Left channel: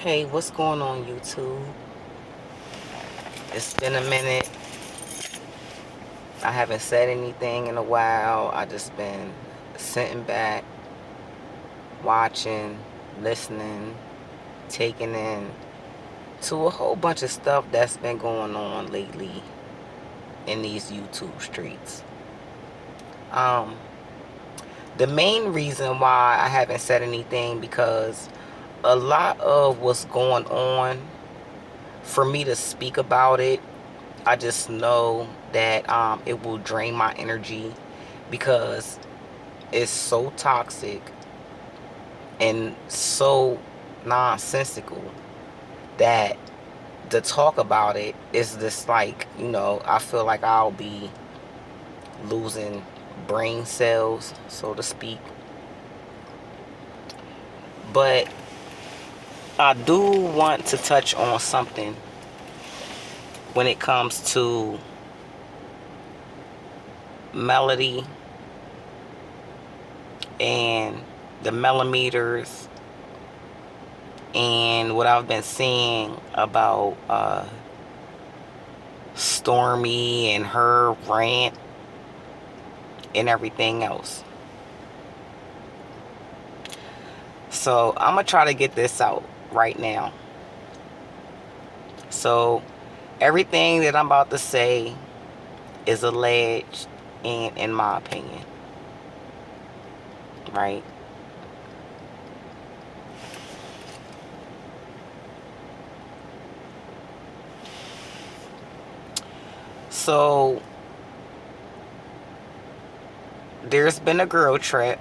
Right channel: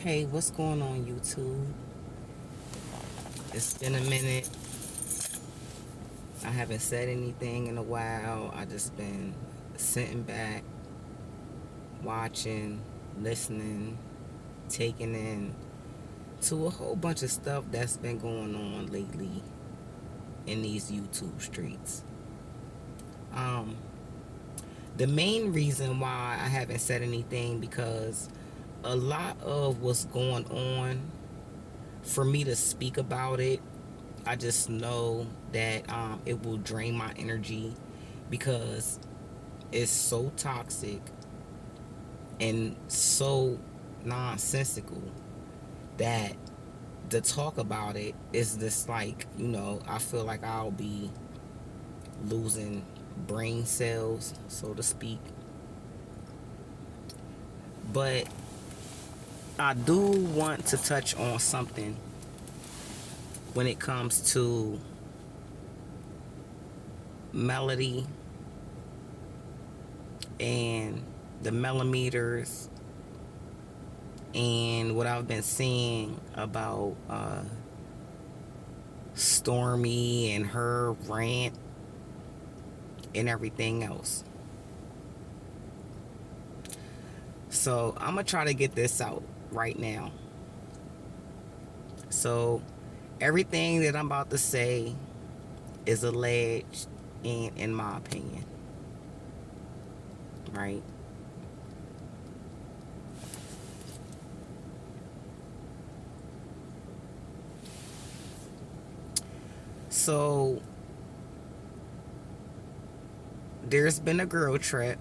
Hey, what's going on, YouTube? It's been a minute. I haven't said anything in a while. I just been sitting back, watching, listening, taking in to a whole bunch of stuff that's been going on lately in these YouTube streets. Um, the main reason why I haven't said anything because a lot of what's going on, for me to speak about it, I just know that it will drain my energy because it's so toxic and so nonsensical that to talk about it is just like, I feel like I'll be losing brain cells, so to speak. But I do want to touch on something when it comes to Melody and the millimeters and what I've been seeing about Stormi and her rant and everything else. So I'm gonna try to get this out right now. So everything that I'm about to say is alleged and in my opinion, right? So there's been a girl trip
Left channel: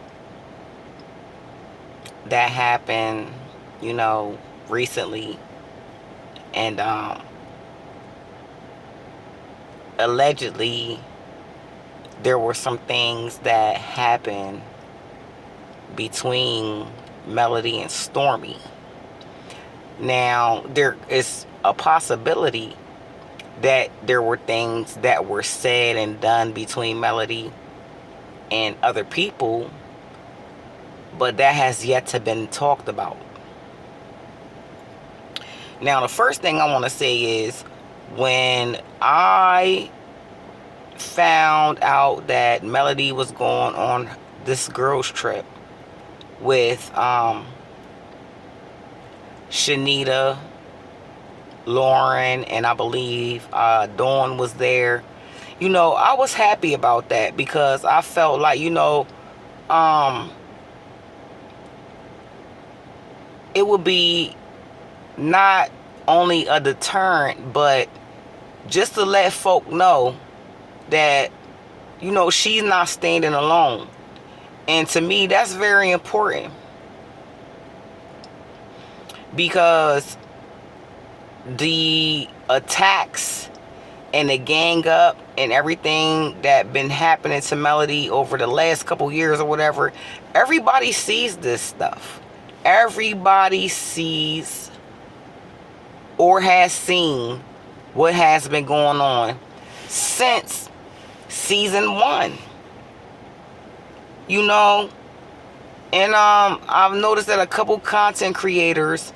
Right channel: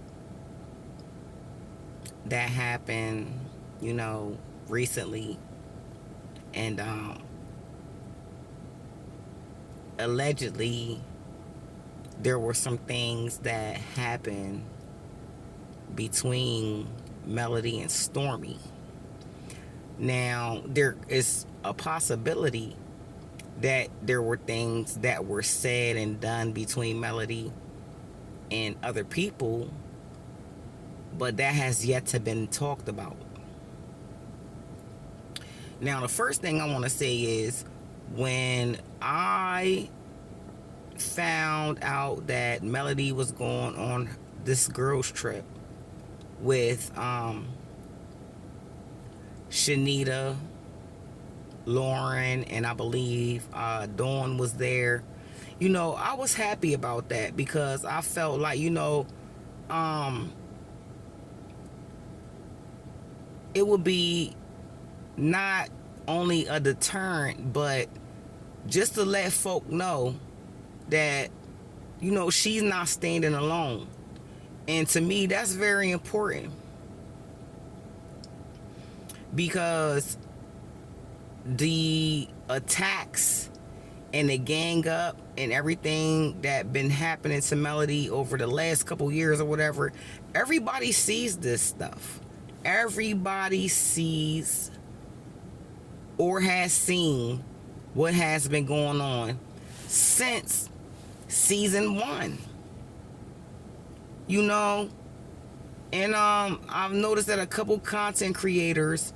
that happened, recently, and allegedly there were some things that happened between Melody and Stormi. Now, there is a possibility that there were things that were said and done between Melody and other people, but that has yet to been talked about. Now, the first thing I want to say is when I found out that Melody was going on this girls trip with Shanita, Lauren, and I believe Dawn was there. I was happy about that because I felt like, it would be not only a deterrent, but just to let folk know that, she's not standing alone. And to me, that's very important because the attacks and the gang up and everything that been happening to Melody over the last couple years or whatever, everybody sees this stuff. Everybody sees or has seen what has been going on since season 1. And I've noticed that a couple content creators,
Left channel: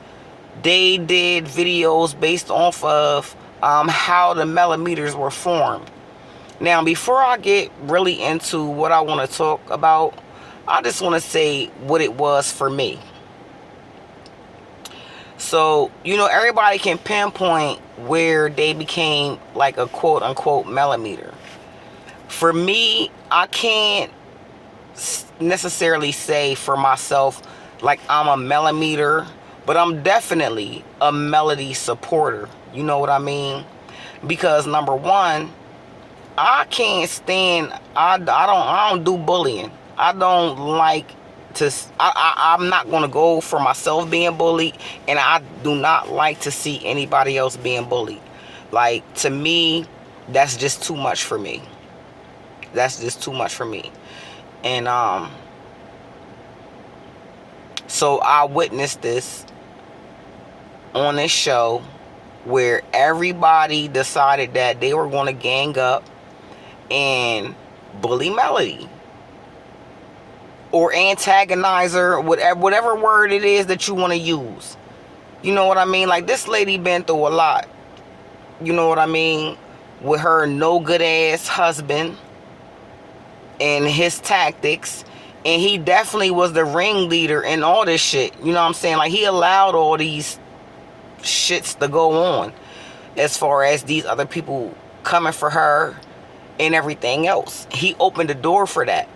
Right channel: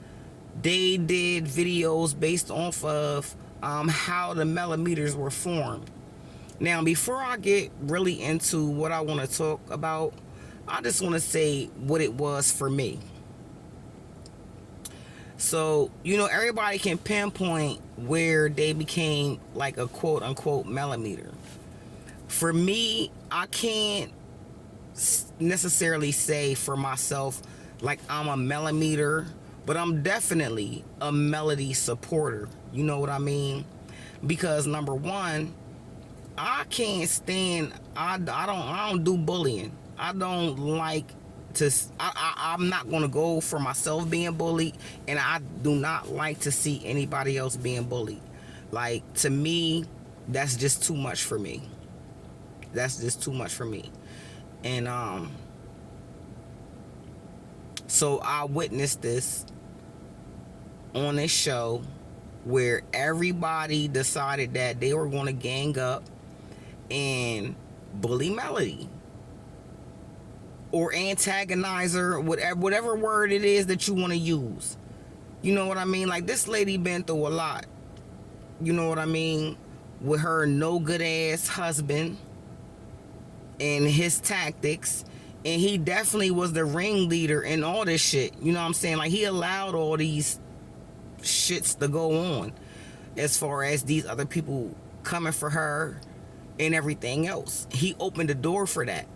they did videos based off of how the millimeters were formed. Now, before I get really into what I want to talk about, I just want to say what it was for me. So, everybody can pinpoint where they became like a quote unquote millimeter. For me, I can't necessarily say for myself like I'm a millimeter, but I'm definitely a Melody supporter. You know what I mean? Because number one, I can't stand. I don't do bullying. I don't like to. I'm not gonna go for myself being bullied, and I do not like to see anybody else being bullied. Like, to me, that's just too much for me. That's just too much for me. And so I witnessed this on this show where everybody decided that they were going to gang up and bully Melody or antagonize her, whatever word it is that you want to use. You know what I mean? Like, this lady been through a lot. You know what I mean? With her no good ass husband and his tactics. And he definitely was the ringleader in all this shit. You know what I'm saying? Like, he allowed all these shits to go on, as far as these other people coming for her and everything else. He opened the door for that,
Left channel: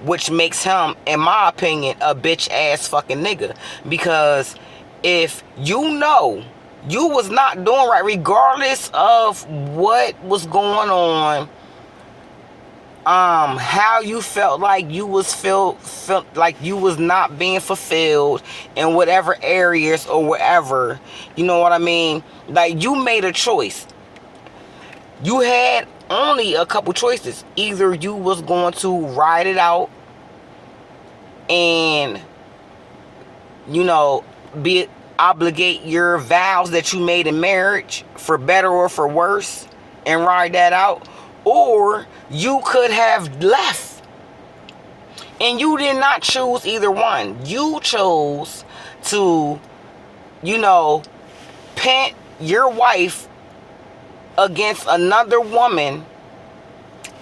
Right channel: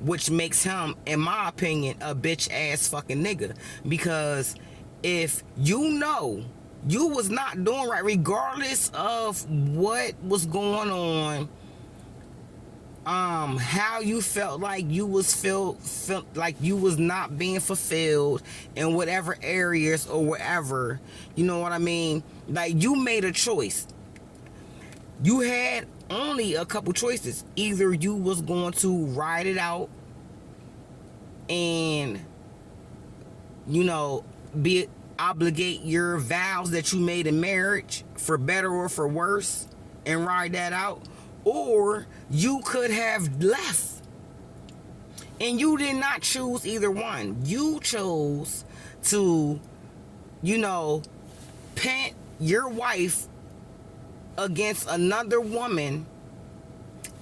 which makes him, in my opinion, a bitch ass fucking nigga. Because if you know you was not doing right, regardless of what was going on, how you felt like you was felt like you was not being fulfilled in whatever areas or whatever, you know what I mean? Like, you made a choice. You had only a couple choices. Either you was going to ride it out and, you know, obligate your vows that you made in marriage, for better or for worse, and ride that out, or you could have left. And you did not choose either one. You chose to, you know, pit your wife against another woman,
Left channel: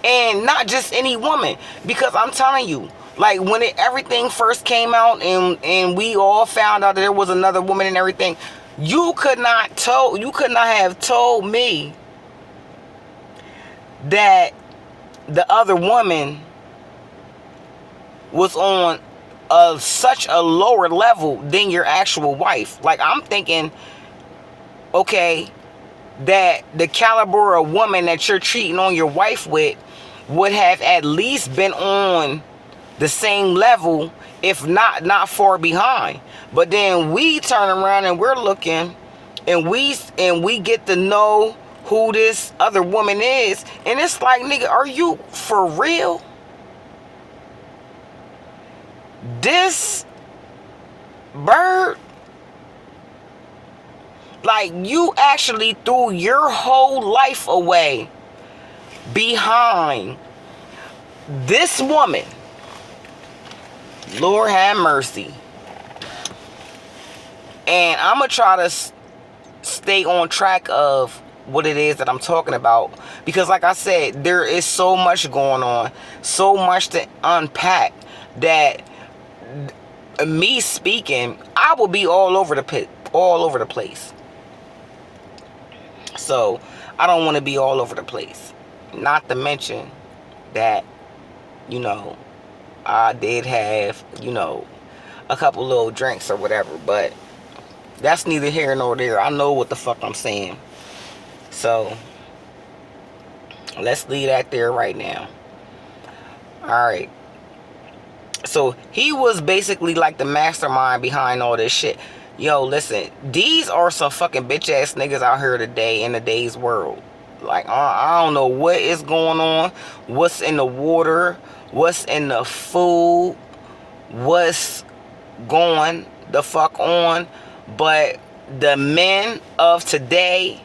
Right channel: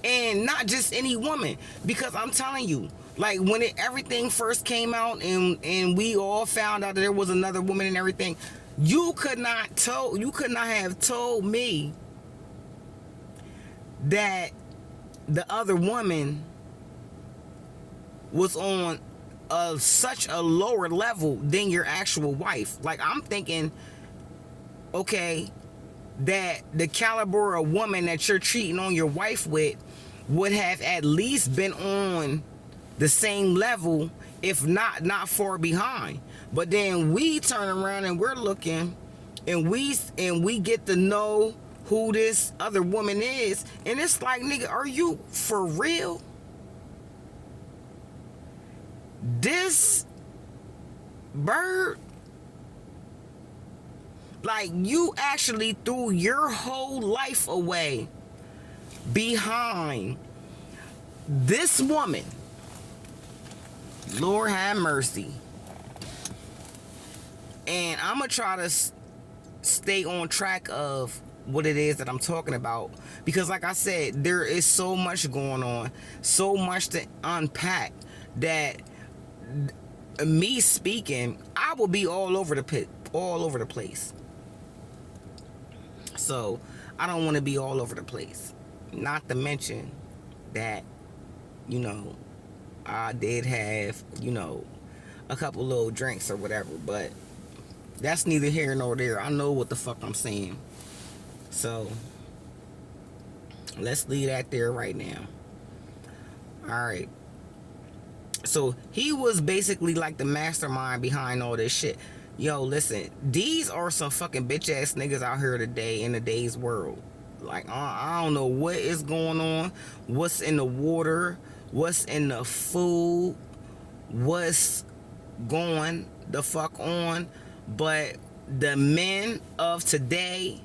and not just any woman. Because I'm telling you, like, when everything first came out and we all found out that there was another woman and everything, you could not have told me that the other woman was on such a lower level than your actual wife. Like, I'm thinking, okay, that the caliber of woman that you're cheating on your wife with would have at least been on the same level, if not far behind. But then we turn around and we're looking, and we get to know who this other woman is, and it's like, nigga, are you for real? This bird, like, you actually threw your whole life away behind this woman. Lord have mercy. And I'm gonna try to stay on track of what it is that I'm talking about, because, like I said, there is so much going on, so much to unpack, that me speaking, I will be all over the place. So I don't want to be all over the place. Not to mention that, you know, I did have, you know, a couple little drinks or whatever, but that's neither here nor there. I know what the fuck I'm saying. So let's leave that there right now. Alright. So he was basically like the mastermind behind all this shit. Yo, listen, these are some fucking bitch ass niggas out here today in today's world. Like, I don't know what is going on, what's in the water, what's in the food, what's going the fuck on, but the men of today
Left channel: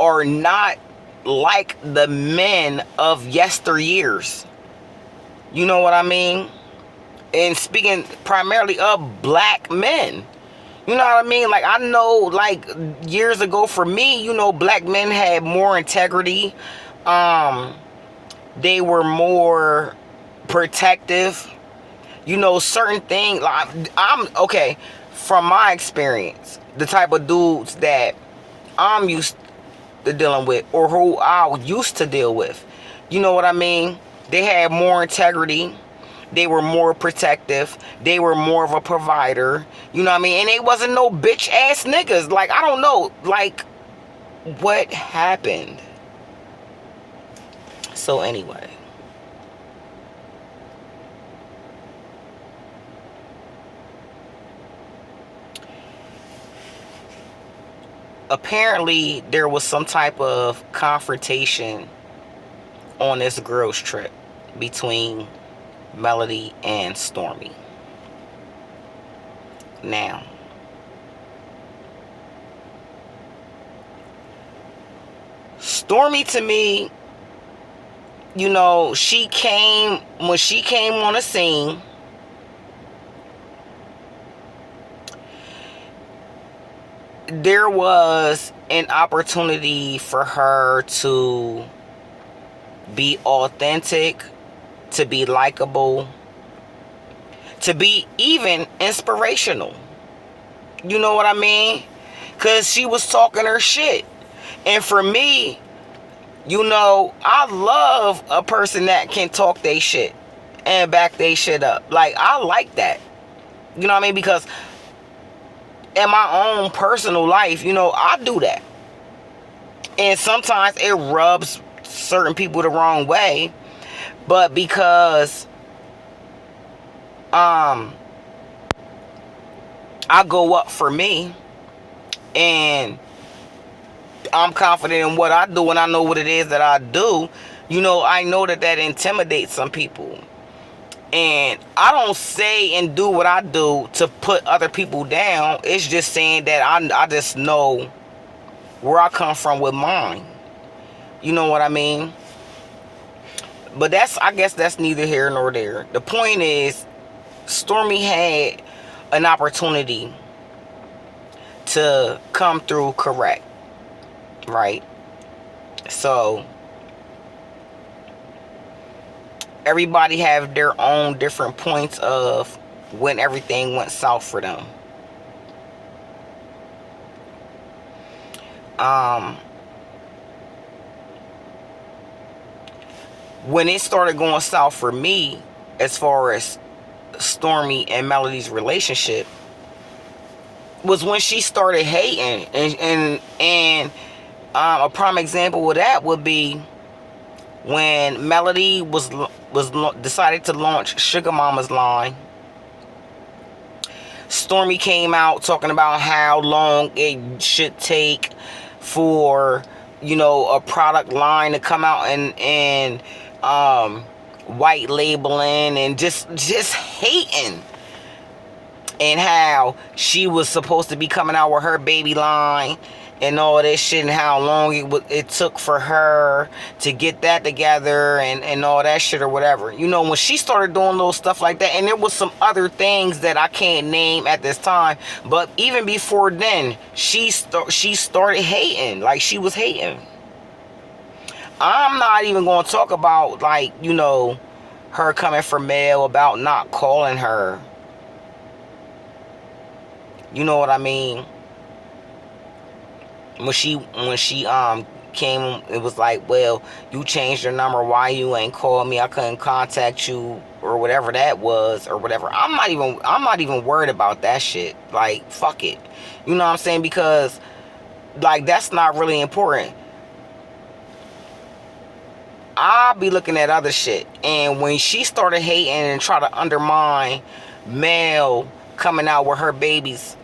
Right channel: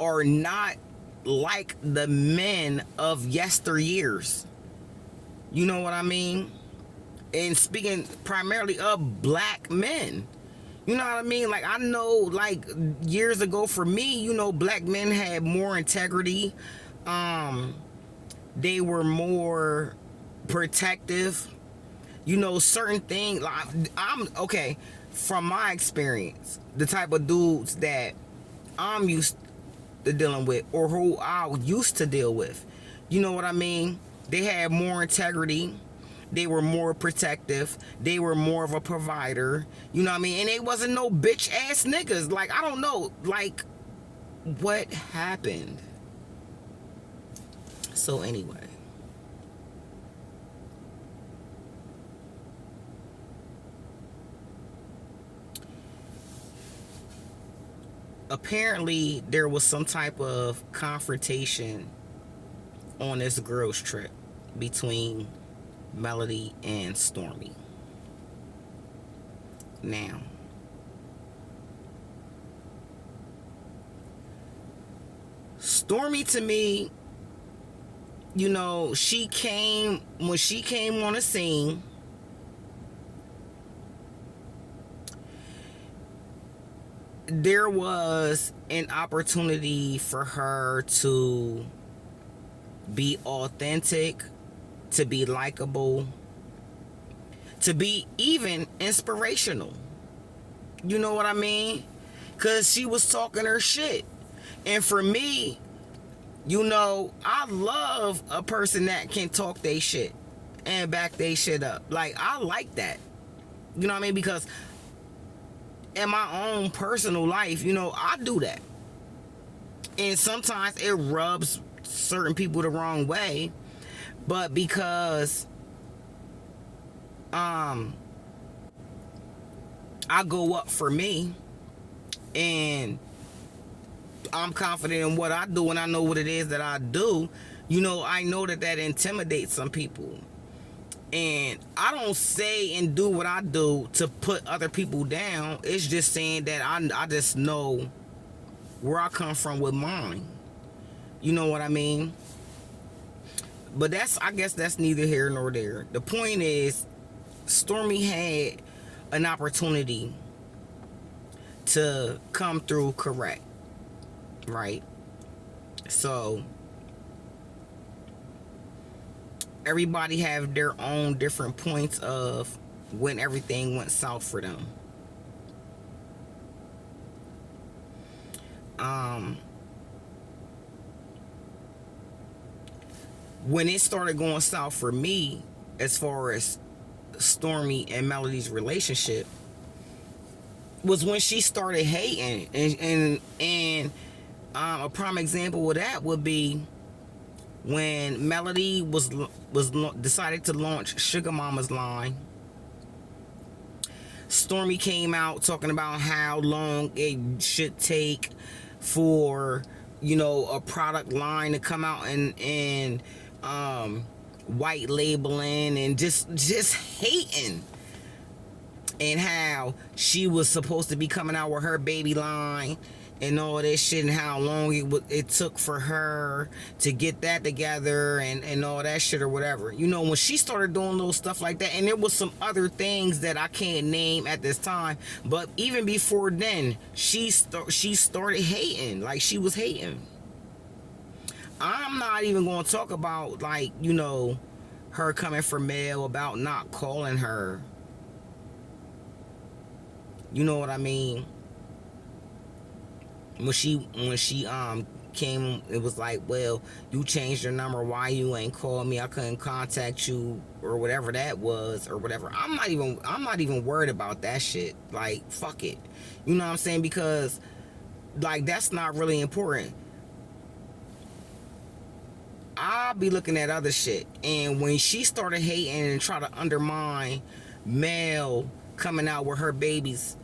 are not like the men of yesteryears. You know what I mean? And speaking primarily of black men, you know what I mean? Like, I know, like, years ago for me, you know, black men had more integrity. They were more protective. You know, certain things, like, I'm okay, from my experience, the type of dudes that I'm used to dealing with, or who I used to deal with, you know what I mean? They had more integrity. They were more protective. They were more of a provider. You know what I mean? And they wasn't no bitch ass niggas. Like, I don't know, like, what happened? So anyway. Apparently, there was some type of confrontation on this girls' trip between Melody and Stormi. Now, Stormi, to me, you know, when she came on the scene, there was an opportunity for her to be authentic, to be likable, to be even inspirational. You know what I mean? Because she was talking her shit. And for me, you know, I love a person that can talk they shit and back they shit up. Like, I like that. You know what I mean? Because in my own personal life, you know, I do that. And sometimes it rubs certain people the wrong way. But because I go up for me and I'm confident in what I do and I know what it is that I do, you know, I know that that intimidates some people. And I don't say and do what I do to put other people down. It's just saying that I just know where I come from with mine. You know what I mean? But I guess that's neither here nor there. The point is, Stormi had an opportunity to come through correct, right? So everybody have their own different points of when everything went south for them. When it started going south for me, as far as Stormi and Melody's relationship, was when she started hating. And a prime example of that would be when Melody was decided to launch Sugar Mama's line. Stormi came out talking about how long it should take for, you know, a product line to come out and white labeling, and just hating, and how she was supposed to be coming out with her baby line and all this shit, and how long it took for her to get that together and all that shit or whatever. You know, when she started doing little stuff like that, and there was some other things that I can't name at this time, but even before then, she started hating. Like, she was hating. I'm not even going to talk about, like, you know, her coming for Mel about not calling her. You know what I mean? When she came, it was like, well, you changed your number, why you ain't called me, I couldn't contact you, or whatever that was, or whatever. I'm not even worried about that shit. Like, fuck it. You know what I'm saying? Because, like, that's not really important. I'll be looking at other shit. And when she started hating and try to undermine Mel coming out with her baby's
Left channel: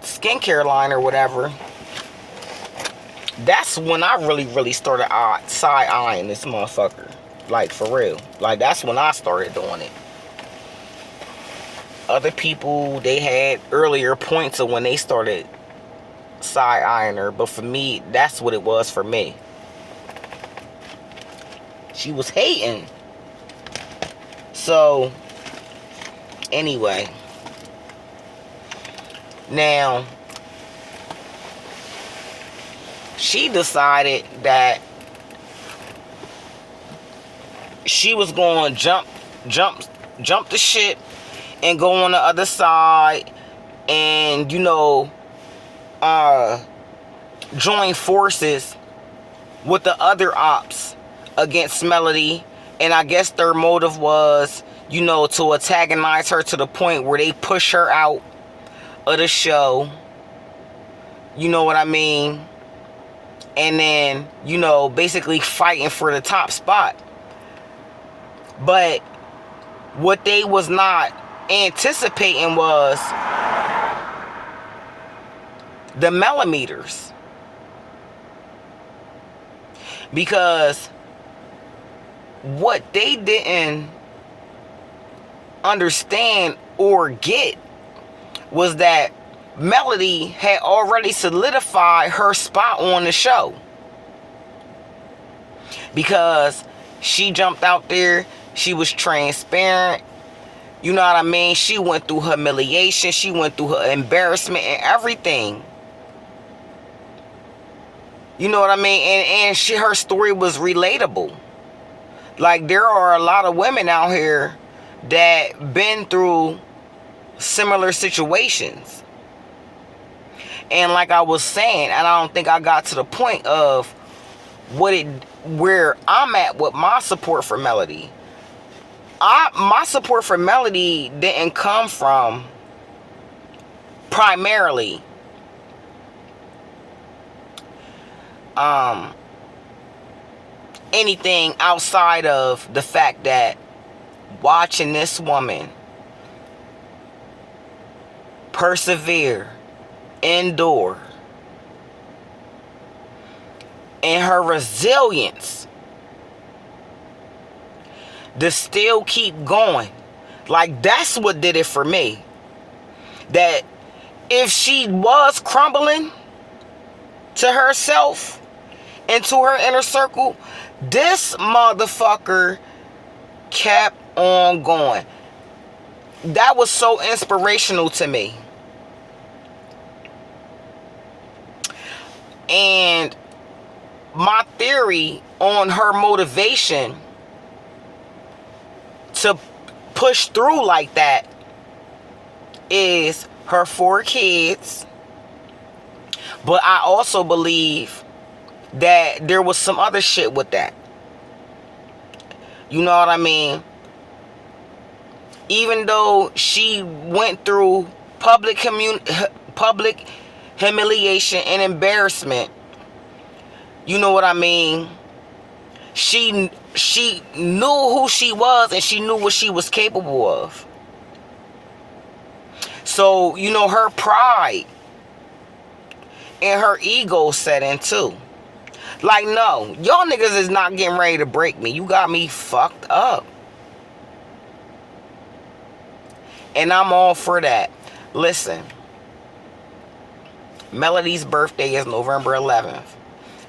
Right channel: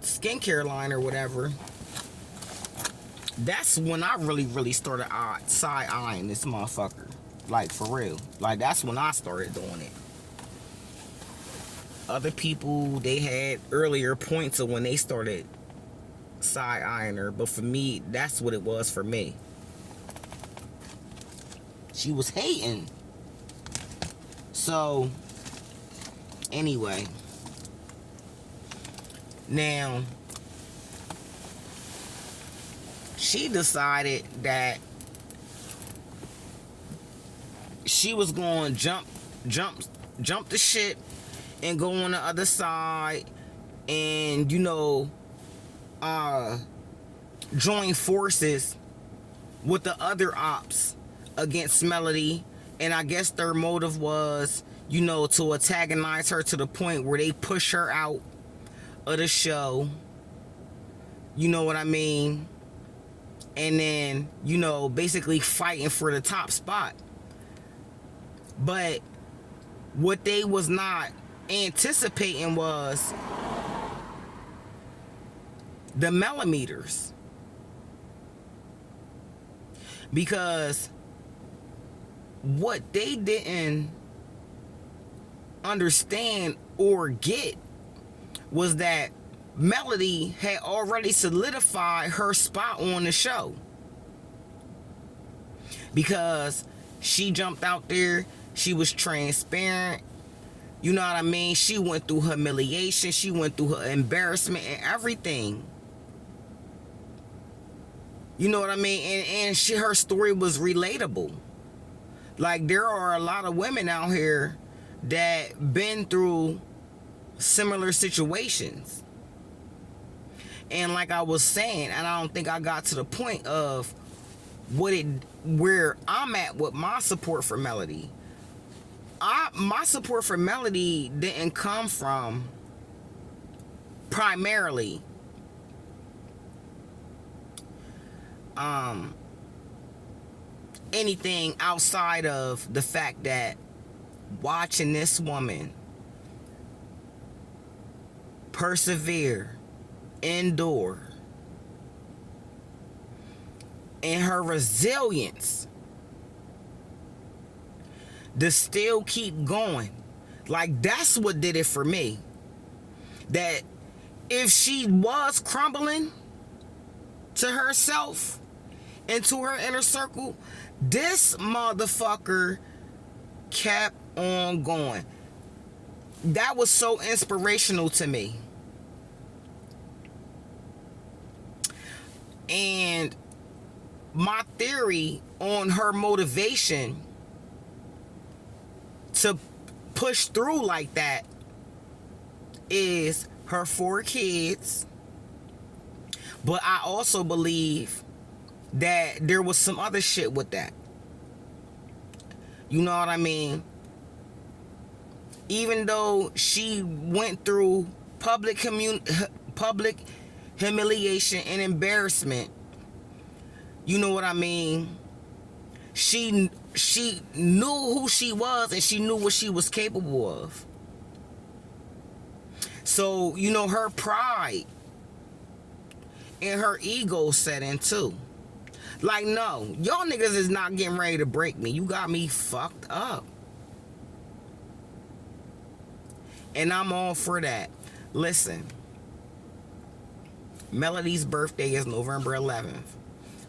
skincare line or whatever, that's when I really started side-eyeing this motherfucker. Like, for real. Like, that's when I started doing it. Other people, they had earlier points of when they started side-eyeing her, but for me, that's what it was for me. She was hating. So, anyway. Now, she decided that she was going to jump the ship and go on the other side and, you know, join forces with the other ops against Melody. And I guess their motive was, you know, to antagonize her to the point where they push her out of the show. You know what I mean? And then, you know, basically fighting for the top spot. But what they was not anticipating was the millimeters. Because what they didn't understand or get was that Melody had already solidified her spot on the show. Because she jumped out there, she was transparent, You know what I mean? She went through humiliation. She went through her embarrassment and everything. You know what I mean? And her story was relatable. Like, there are a lot of women out here that been through similar situations. And like I was saying, and I don't think I got to the point of where I'm at with my support for Melody. My support for Melody didn't come from primarily anything outside of the fact that watching this woman persevere, endure, and her resilience to still keep going. Like, that's what did it for me. That if she was crumbling to herself and to her inner circle, this motherfucker kept on going. That was so inspirational to me. And my theory on her motivation to push through like that is her 4 kids. But I also believe that there was some other shit with that. You know what I mean? Even though she went through public humiliation and embarrassment, you know what I mean? She knew who she was and she knew what she was capable of. So, you know, her pride and her ego set in too. Like, no, y'all niggas is not getting ready to break me. You got me fucked up. And I'm all for that. Listen, Melody's birthday is November 11th.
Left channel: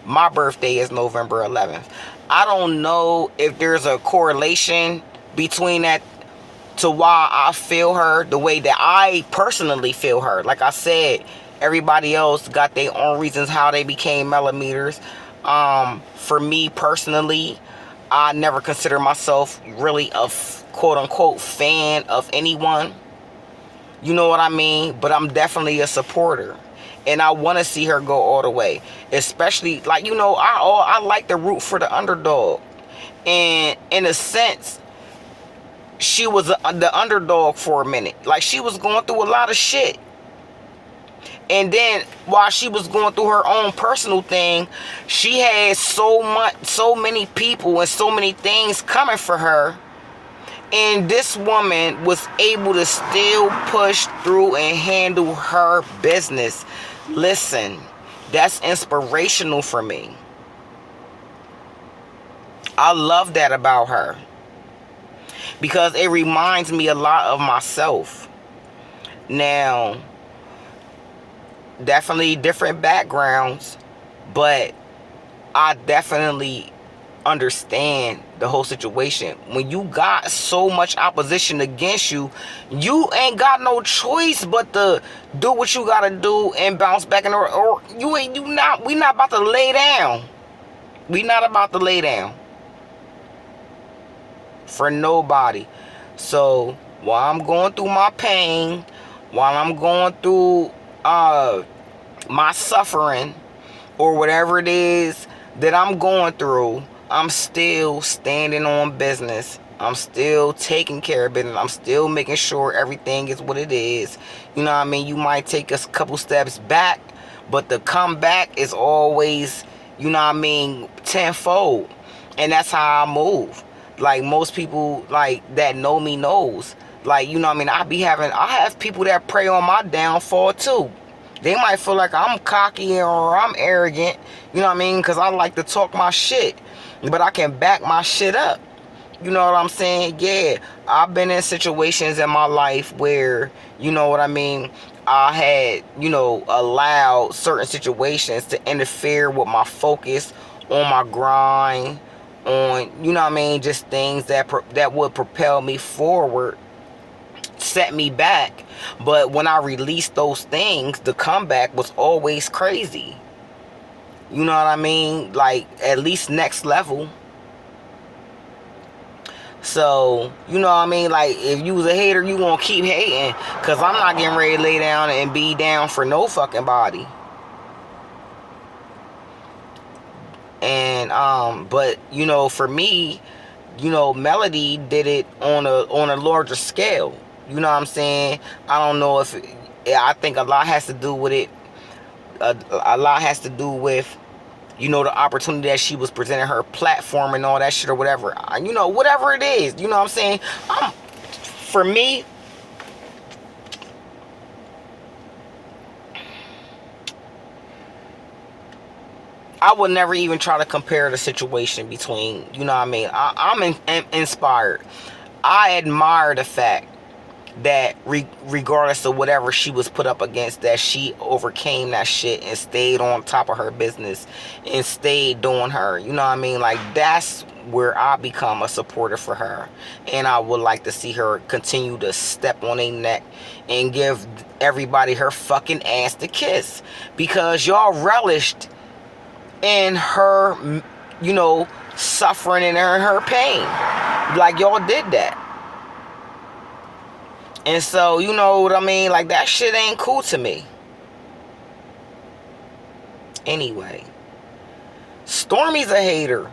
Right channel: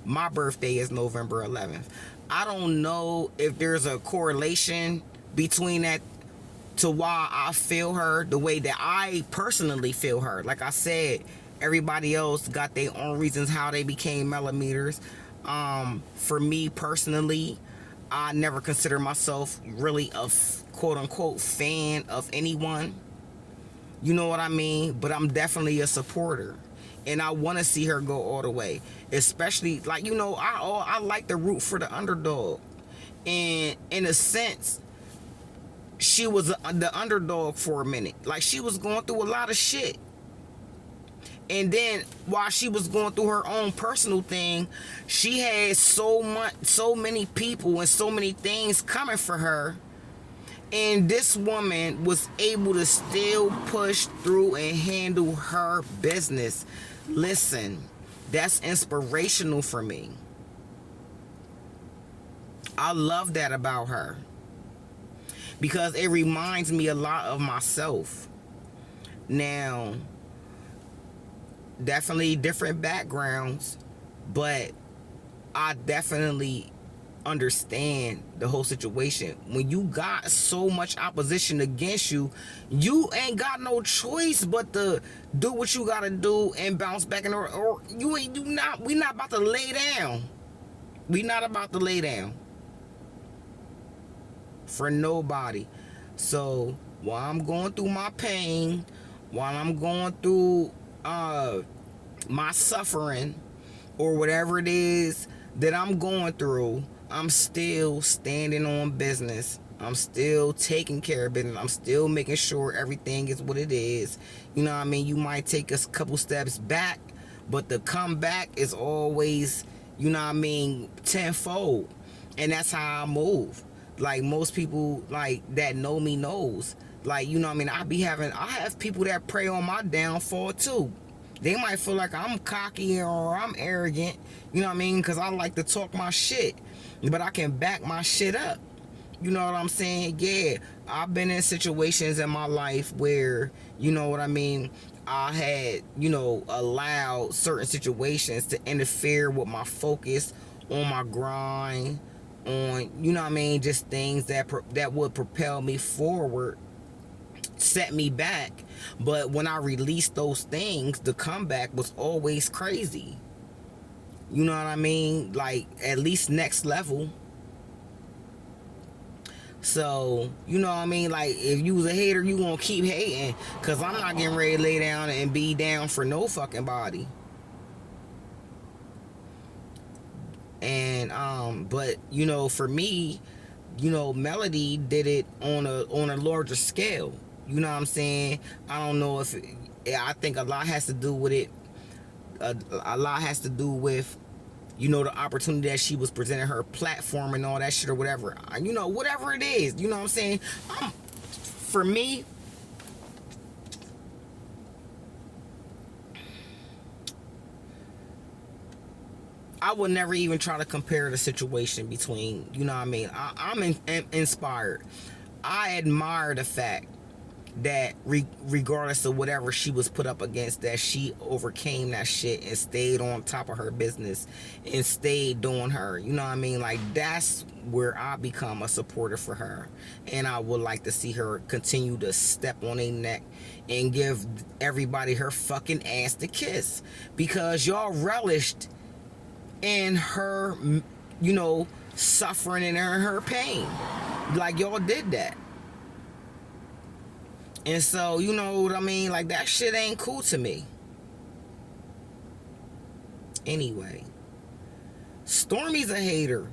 My birthday is November 11th. I don't know if there's a correlation between that to why I feel her the way that I personally feel her. Like I said, everybody else got their own reasons how they became millimeters. For me personally, I never consider myself really a quote-unquote fan of anyone. You know what I mean? But I'm definitely a supporter. And I want to see her go all the way. Especially, like, you know, I like to root for the underdog. And in a sense, she was the underdog for a minute. Like, she was going through a lot of shit. And then while she was going through her own personal thing, she had so many people and so many things coming for her. And this woman was able to still push through and handle her business. Listen, that's inspirational for me. I love that about her. Because it reminds me a lot of myself. Now, definitely different backgrounds, but I definitely understand the whole situation. When you got so much opposition against you, you ain't got no choice but to do what you gotta do and bounce back in, or we not about to lay down. We not about to lay down for nobody. So while I'm going through my pain, while I'm going through my suffering, or whatever it is that I'm going through, I'm still standing on business. I'm still taking care of business. I'm still making sure everything is what it is. You know what I mean? You might take a couple steps back, but the comeback is always, you know what I mean, tenfold. And that's how I move. Like, most people like that know me knows. Like, you know what I mean? I have people that pray on my downfall too. They might feel like I'm cocky or I'm arrogant, you know what I mean? Because I like to talk my shit. But I can back my shit up. You know what I'm saying? Yeah, I've been in situations in my life where, you know what I mean, I had, you know, allowed certain situations to interfere with my focus on my grind, on, you know what I mean, just things that would propel me forward. set me back. But when I released those things, the comeback was always crazy. You know what I mean? Like, at least next level. So, you know what I mean? Like, if you was a hater, you gonna keep hating. Because I'm not getting ready to lay down and be down for no fucking body. And, but, you know, for me, you know, Melody did it on a larger scale. You know what I'm saying? I don't know if... I think a lot has to do with it. A lot has to do with, you know, the opportunity that she was presenting, her platform and all that shit or whatever. You know, whatever it is. You know what I'm saying? For me, I would never even try to compare the situation between, you know what I mean? I'm inspired. I admire the fact that regardless of whatever she was put up against, that she overcame that shit and stayed on top of her business and stayed doing her. You know what I mean? Like, that's where I become a supporter for her. And I would like to see her continue to step on their neck and give everybody her fucking ass to kiss. Because y'all relished in her, you know, suffering and her pain. Like, y'all did that. And so, you know what I mean? Like, that shit ain't cool to me. Anyway. Stormi's a hater.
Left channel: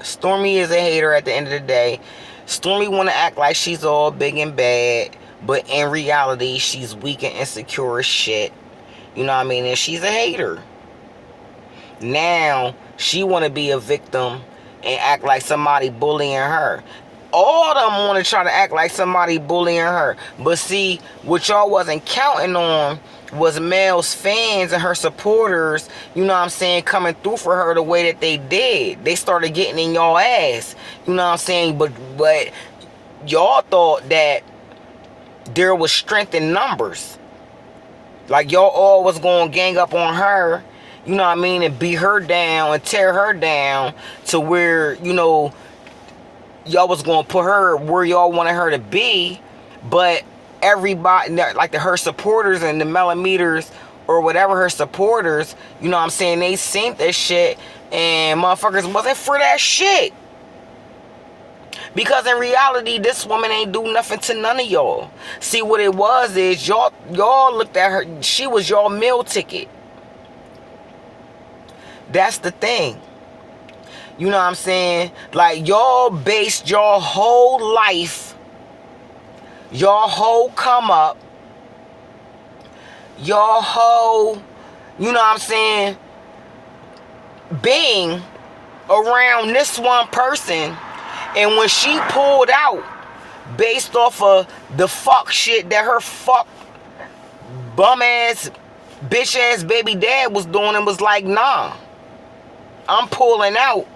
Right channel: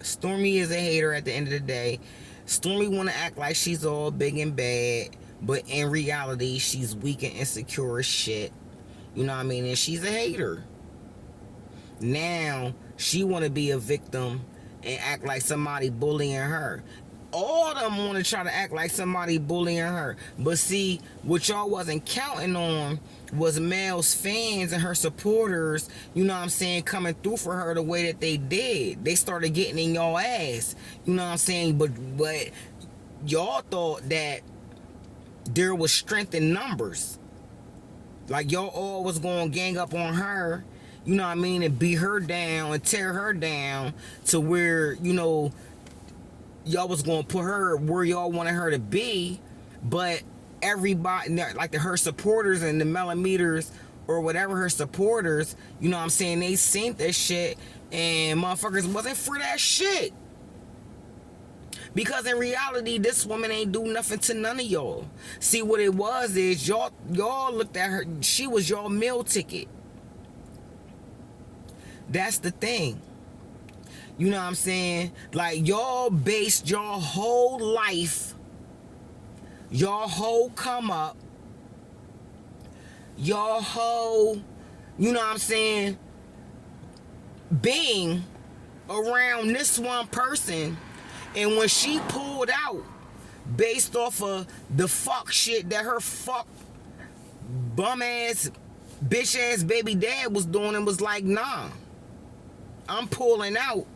Stormi is a hater at the end of the day. Stormi want to act like she's all big and bad. But in reality, she's weak and insecure as shit. You know what I mean? And she's a hater. Now, she want to be a victim and act like somebody bullying her. All of them want to try to act like somebody bullying her. But see, what y'all wasn't counting on was Mel's fans and her supporters, you know what I'm saying, coming through for her the way that they did. They started getting in y'all ass. You know what I'm saying? But y'all thought that there was strength in numbers. Like, y'all all was going to gang up on her, you know what I mean, and beat her down and tear her down to where, you know, y'all was gonna put her where y'all wanted her to be. But everybody, like her supporters and the millimeters or whatever, her supporters, you know what I'm saying, they seen this shit and motherfuckers wasn't for that shit. Because in reality, this woman ain't do nothing to none of y'all. See, what it was is y'all looked at her, she was y'all meal ticket. That's the thing. You know what I'm saying? Like, y'all based your whole life, your whole come up, your whole, you know what I'm saying, being around this one person. And when she pulled out based off of the fuck shit that her fuck bum ass, bitch ass baby dad was doing, and was like, nah, I'm pulling out.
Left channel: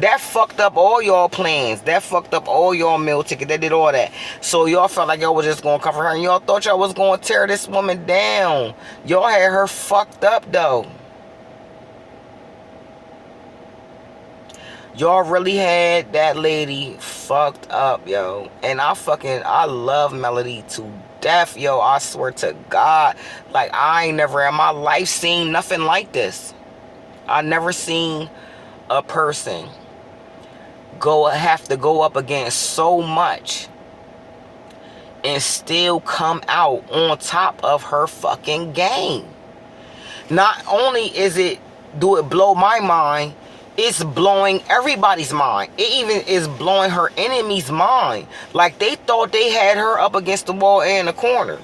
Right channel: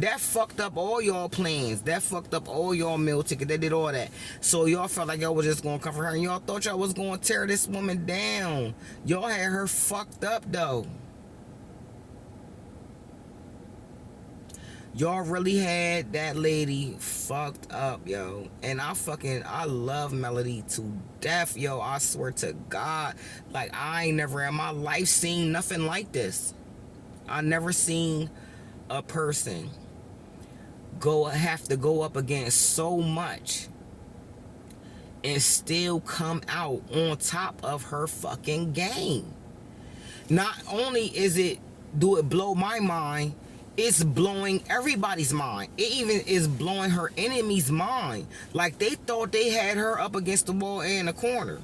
That fucked up all y'all plans. That fucked up all y'all meal ticket. That did all that. So y'all felt like y'all was just going to cover her. And y'all thought y'all was going to tear this woman down. Y'all had her fucked up, though. Y'all really had that lady fucked up, yo. And I love Melody to death, yo. I swear to God. Like, I ain't never in my life seen nothing like this. I never seen a person have to go up against so much and still come out on top of her fucking game. Not only do it blow my mind, it's blowing everybody's mind. It even is blowing her enemy's mind. Like, they thought they had her up against the wall and in the corner.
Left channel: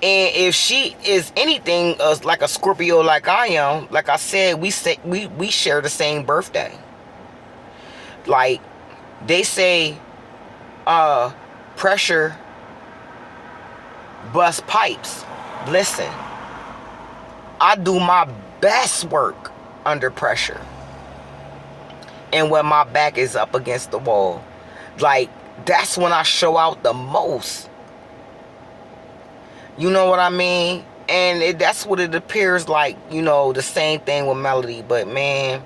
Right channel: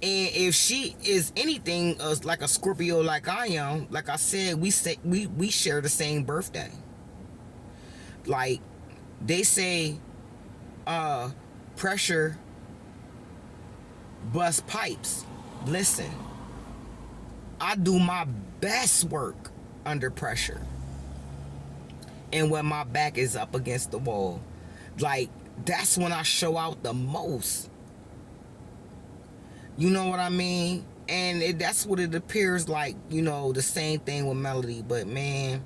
And if she is anything like a Scorpio like I am, like I said, we share the same birthday. Like, they say, pressure bust pipes. Listen, I do my best work under pressure. And when my back is up against the wall. Like, that's when I show out the most. You know what I mean? And that's what it appears like, you know, the same thing with Melody. But, man,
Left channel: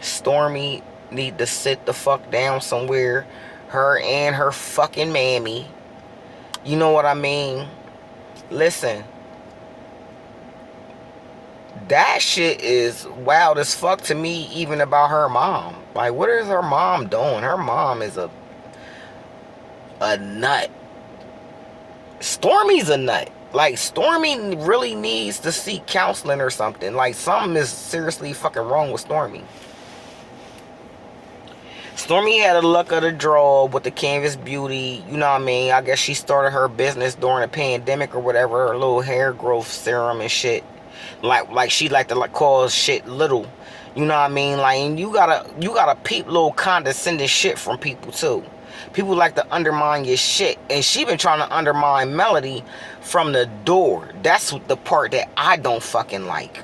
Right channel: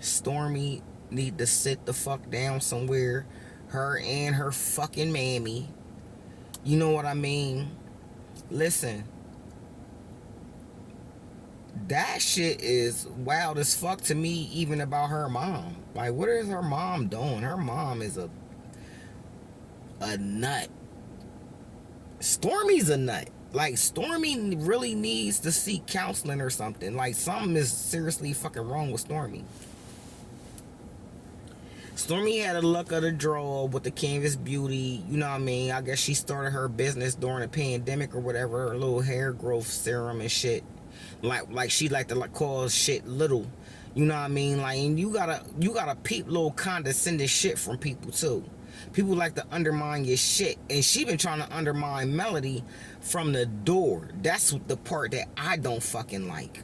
Stormi, need to sit the fuck down somewhere. Her and her fucking mammy. You know what I mean? Listen. That shit is wild as fuck to me, even about her mom. Like, what is her mom doing? Her mom is a nut. Stormi's a nut. Like, Stormi really needs to seek counseling or something. Like, something is seriously fucking wrong with Stormi. Stormi had a luck of the draw with the Canvas Beauty. You know what I mean? I guess she started her business during the pandemic or whatever. Her little hair growth serum and shit. Like she like to call shit little. You know what I mean? Like, and you gotta peep little condescending shit from people too. People like to undermine your shit. And she been trying to undermine Melody from the door. That's the part that I don't fucking like.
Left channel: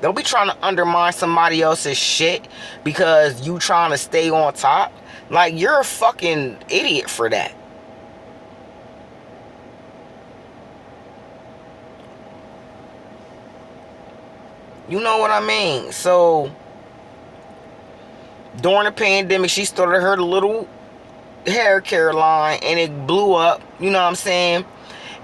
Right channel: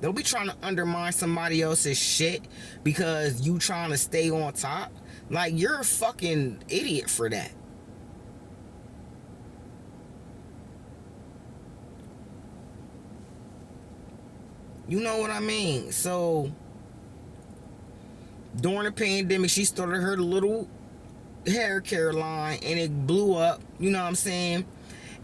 Don't be trying to undermine somebody else's shit because you trying to stay on top. Like, you're a fucking idiot for that. You know what I mean? So, during the pandemic, she started her little hair care line and it blew up. You know what I'm saying?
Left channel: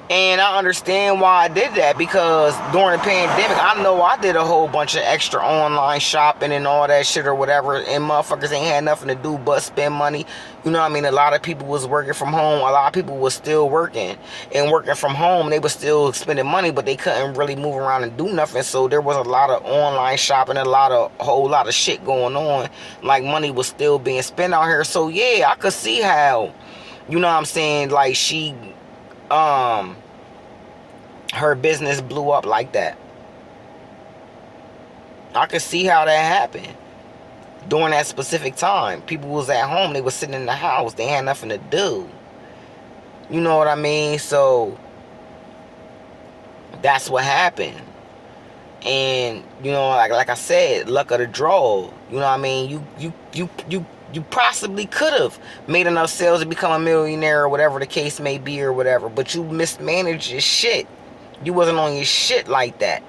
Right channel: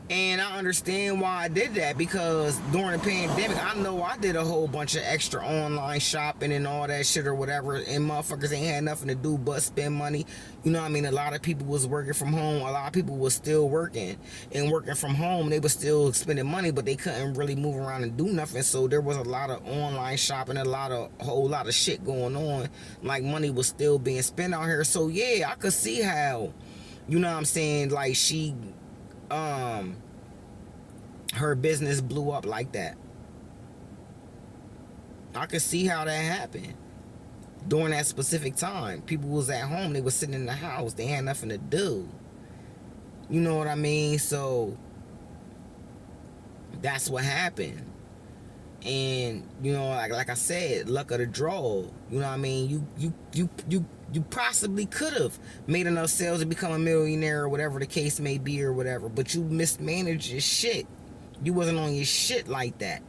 And I understand why I did that, because during the pandemic, I know I did a whole bunch of extra online shopping and all that shit or whatever, and motherfuckers ain't had nothing to do but spend money. You know what I mean? A lot of people was working from home. A lot of people was still working. And working from home, they was still spending money, but they couldn't really move around and do nothing. So there was a lot of online shopping, a whole lot of shit going on. Like, money was still being spent out here. So yeah, I could see how, you know what I'm saying, like, her business blew up like that. I could see how that happened. During that specific time, people was at home. They was sitting in the house. They had nothing to do. You know what I mean? So that's what happened. And you know, like I said, luck of the draw. You know what I mean? You possibly could have made enough sales to become a millionaire or whatever the case may be or whatever, but you mismanaged your shit. You wasn't on your shit like that.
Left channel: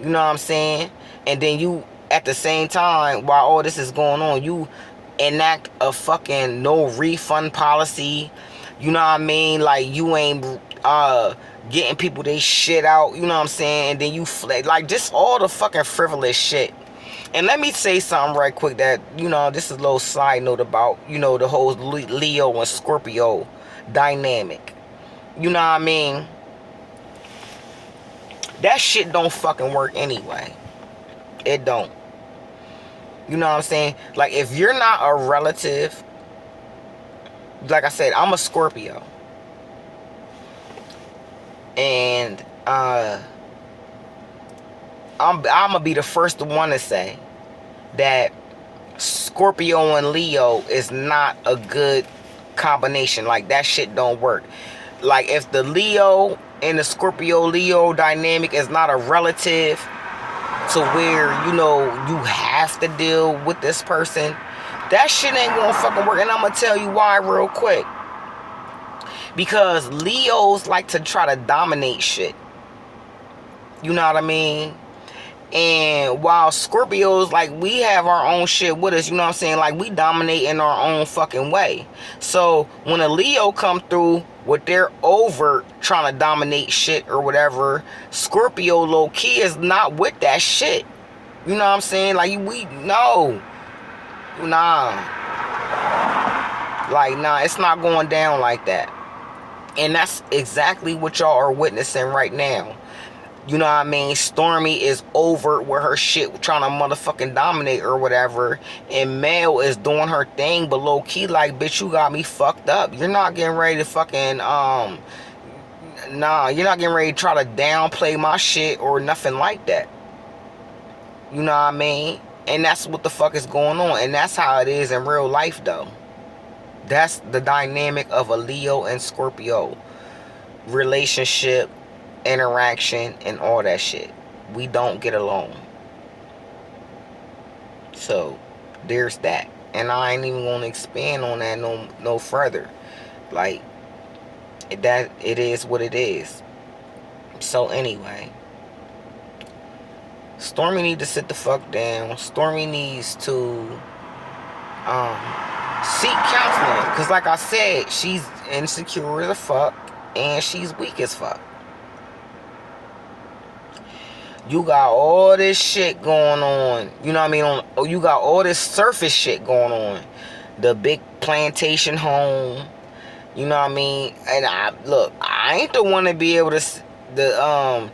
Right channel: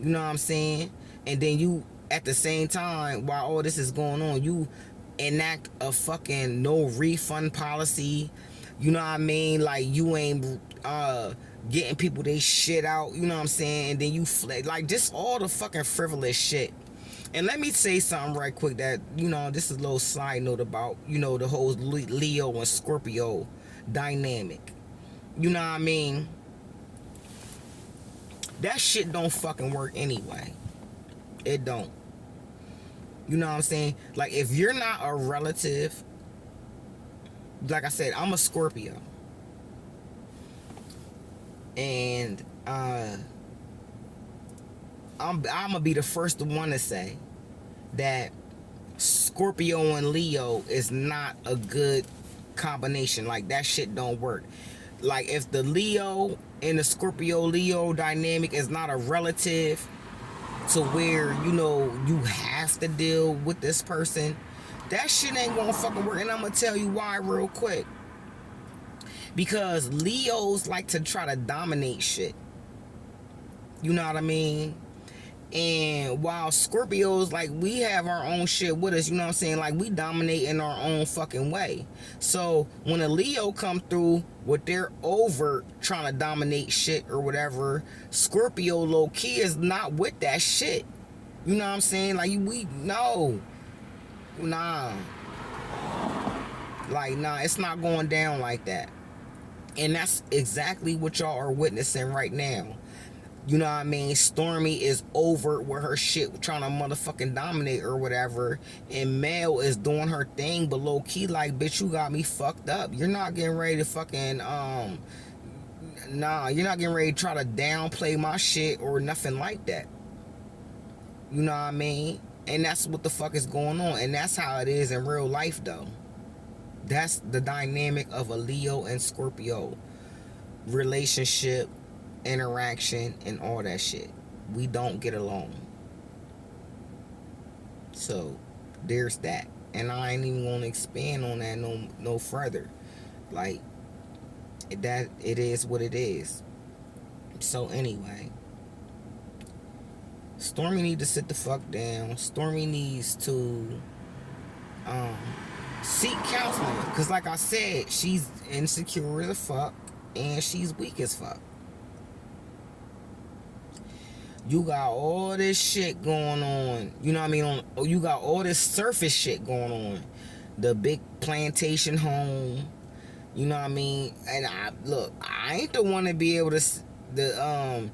You know what I'm saying? And then you, at the same time, while all this is going on, you enact a fucking no refund policy. You know what I mean? Like, you ain't getting people they shit out. You know what I'm saying? And then you like, just all the fucking frivolous shit. And let me say something right quick that, you know, this is a little side note about, you know, the whole Leo and Scorpio dynamic. You know what I mean? That shit don't fucking work anyway. It don't. You know what I'm saying? Like, if you're not a relative, like I said, I'm a Scorpio. And I'm gonna be the first one to say that Scorpio and Leo is not a good combination. Like, that shit don't work. Like, if the Leo and the Scorpio-Leo dynamic is not a relative to where, you know, you have to deal with this person, that shit ain't gonna fucking work. And I'm gonna tell you why real quick. Because Leos like to try to dominate shit. You know what I mean? And while Scorpios, like, we have our own shit with us, you know what I'm saying? Like, we dominate in our own fucking way. So when a Leo come through with their overt trying to dominate shit or whatever, Scorpio low-key is not with that shit. You know what I'm saying? Like, we no. Nah. Like, nah, it's not going down like that. And that's exactly what y'all are witnessing right now. You know what I mean? Stormi is over with her shit, trying to motherfucking dominate or whatever. And Mel is doing her thing, but low key, like, bitch, you got me fucked up. You're not getting ready to fucking, nah, you're not getting ready to try to downplay my shit or nothing like that. You know what I mean? And that's what the fuck is going on. And that's how it is in real life, though. That's the dynamic of a Leo and Scorpio relationship, interaction, and all that shit. We don't get along. So there's that. And I ain't even gonna expand on that no further. Like, that, it is what it is. So anyway, Stormi need to sit the fuck down. Stormi needs to seek counseling. Because like I said, she's insecure as fuck. And she's weak as fuck. You got all this shit going on. You know what I mean? You got all this surface shit going on. The big plantation home. You know what I mean? And I ain't the one to be able to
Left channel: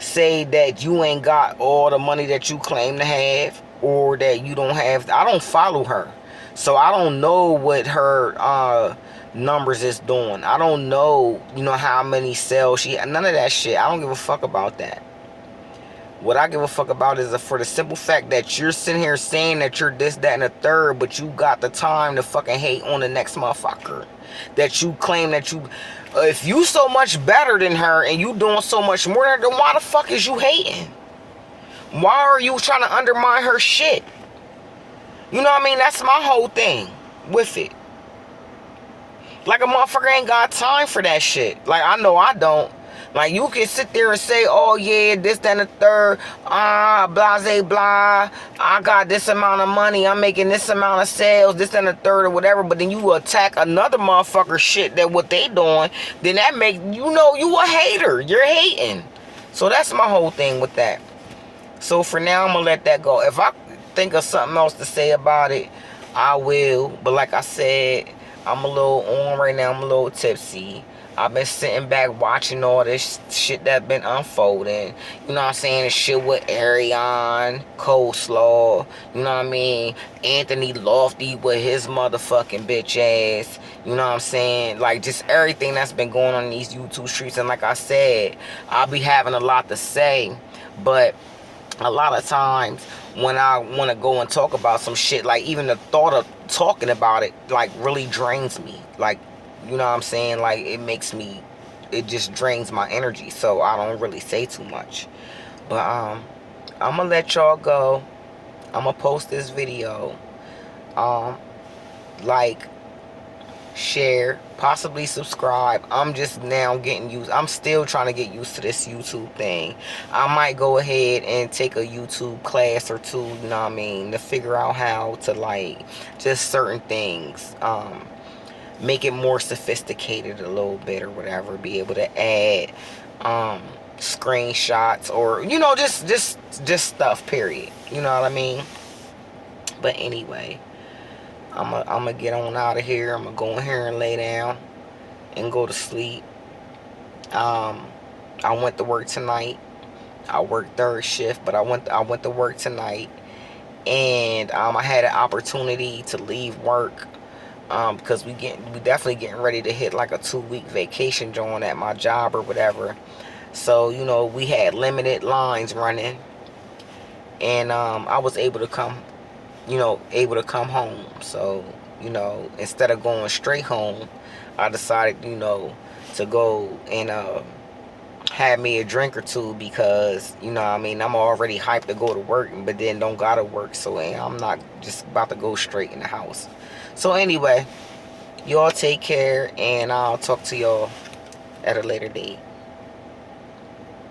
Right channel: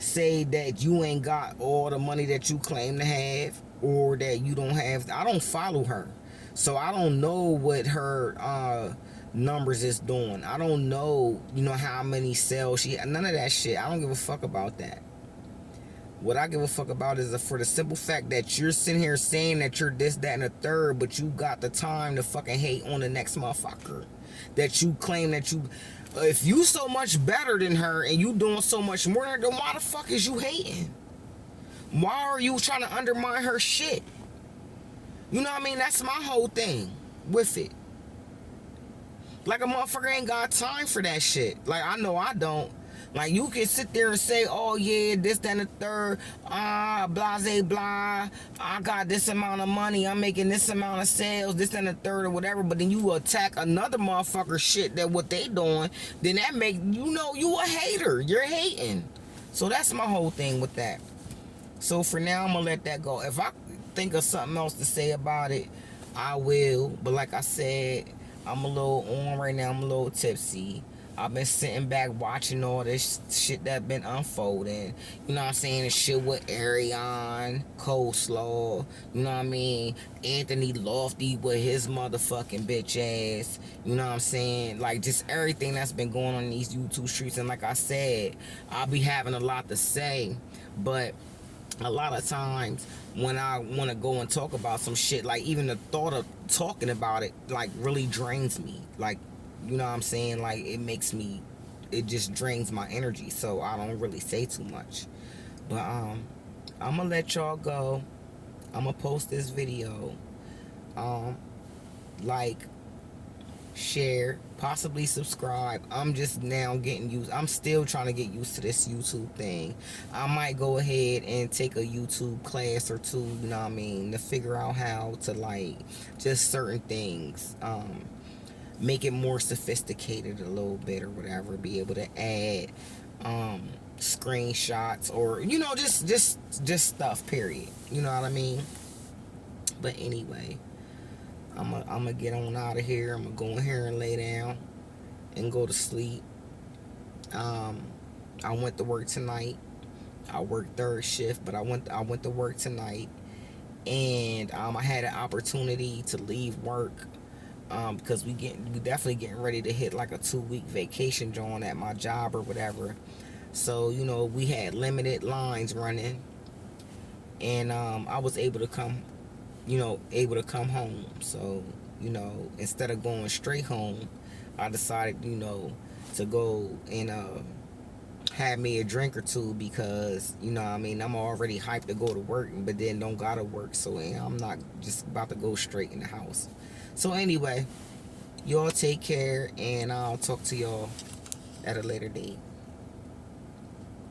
say that you ain't got all the money that you claim to have, or that you don't have. I don't follow her, so I don't know what her numbers is doing. I don't know, how many sales she. None of that shit. I don't give a fuck about that. What I give a fuck about is for the simple fact that you're sitting here saying that you're this, that, and the third, but you got the time to fucking hate on the next motherfucker. That you claim that you... if you so much better than her and you doing so much more than her, then why the fuck is you hating? Why are you trying to undermine her shit? You know what I mean? That's my whole thing with it. Like, a motherfucker ain't got time for that shit. Like, I know I don't. Like, you can sit there and say, oh, yeah, this, that, and the third, blase, blah, I got this amount of money, I'm making this amount of sales, this, and the third, or whatever, but then you attack another motherfucker shit that what they doing, then that make, you a hater. You're hating. So that's my whole thing with that. So for now, I'm going to let that go. If I think of something else to say about it, I will. But like I said, I'm a little on right now. I'm a little tipsy. I've been sitting back watching all this shit that's been unfolding. You know what I'm saying? The shit with Ariane, Coleslaw. You know what I mean? Anthony Lofty with his motherfucking bitch ass. You know what I'm saying? Like, just everything that's been going on in these YouTube streets. And like I said, I'll be having a lot to say. But a lot of times when I want to go and talk about some shit, like, even the thought of talking about it, like, really drains me. Like, you know what I'm saying? Like, it just drains my energy. So I don't really say too much. But I'm gonna let y'all go. I'm gonna post this video. Like, share, possibly subscribe. I'm just now getting used. I'm still trying to get used to this YouTube thing. I might go ahead and take a YouTube class or two, you know what I mean, to figure out how to, like, just certain things, make it more sophisticated a little bit or whatever. Be able to add screenshots, or just stuff, period. You know what I mean? But anyway, I'm gonna get on out of here. I'm gonna go in here and lay down and go to sleep. I went to work tonight. I worked third shift, but I went to work tonight, and I had an opportunity to leave work, because we definitely getting ready to hit like a 2-week vacation joint at my job or whatever. So we had limited lines running, and I was able to come home. So instead of going straight home, I decided to go and have me a drink or two, because I'm already hyped to go to work, but then don't gotta work, so I'm not just about to go straight in the house. So anyway, y'all take care, and I'll talk to y'all at a later date.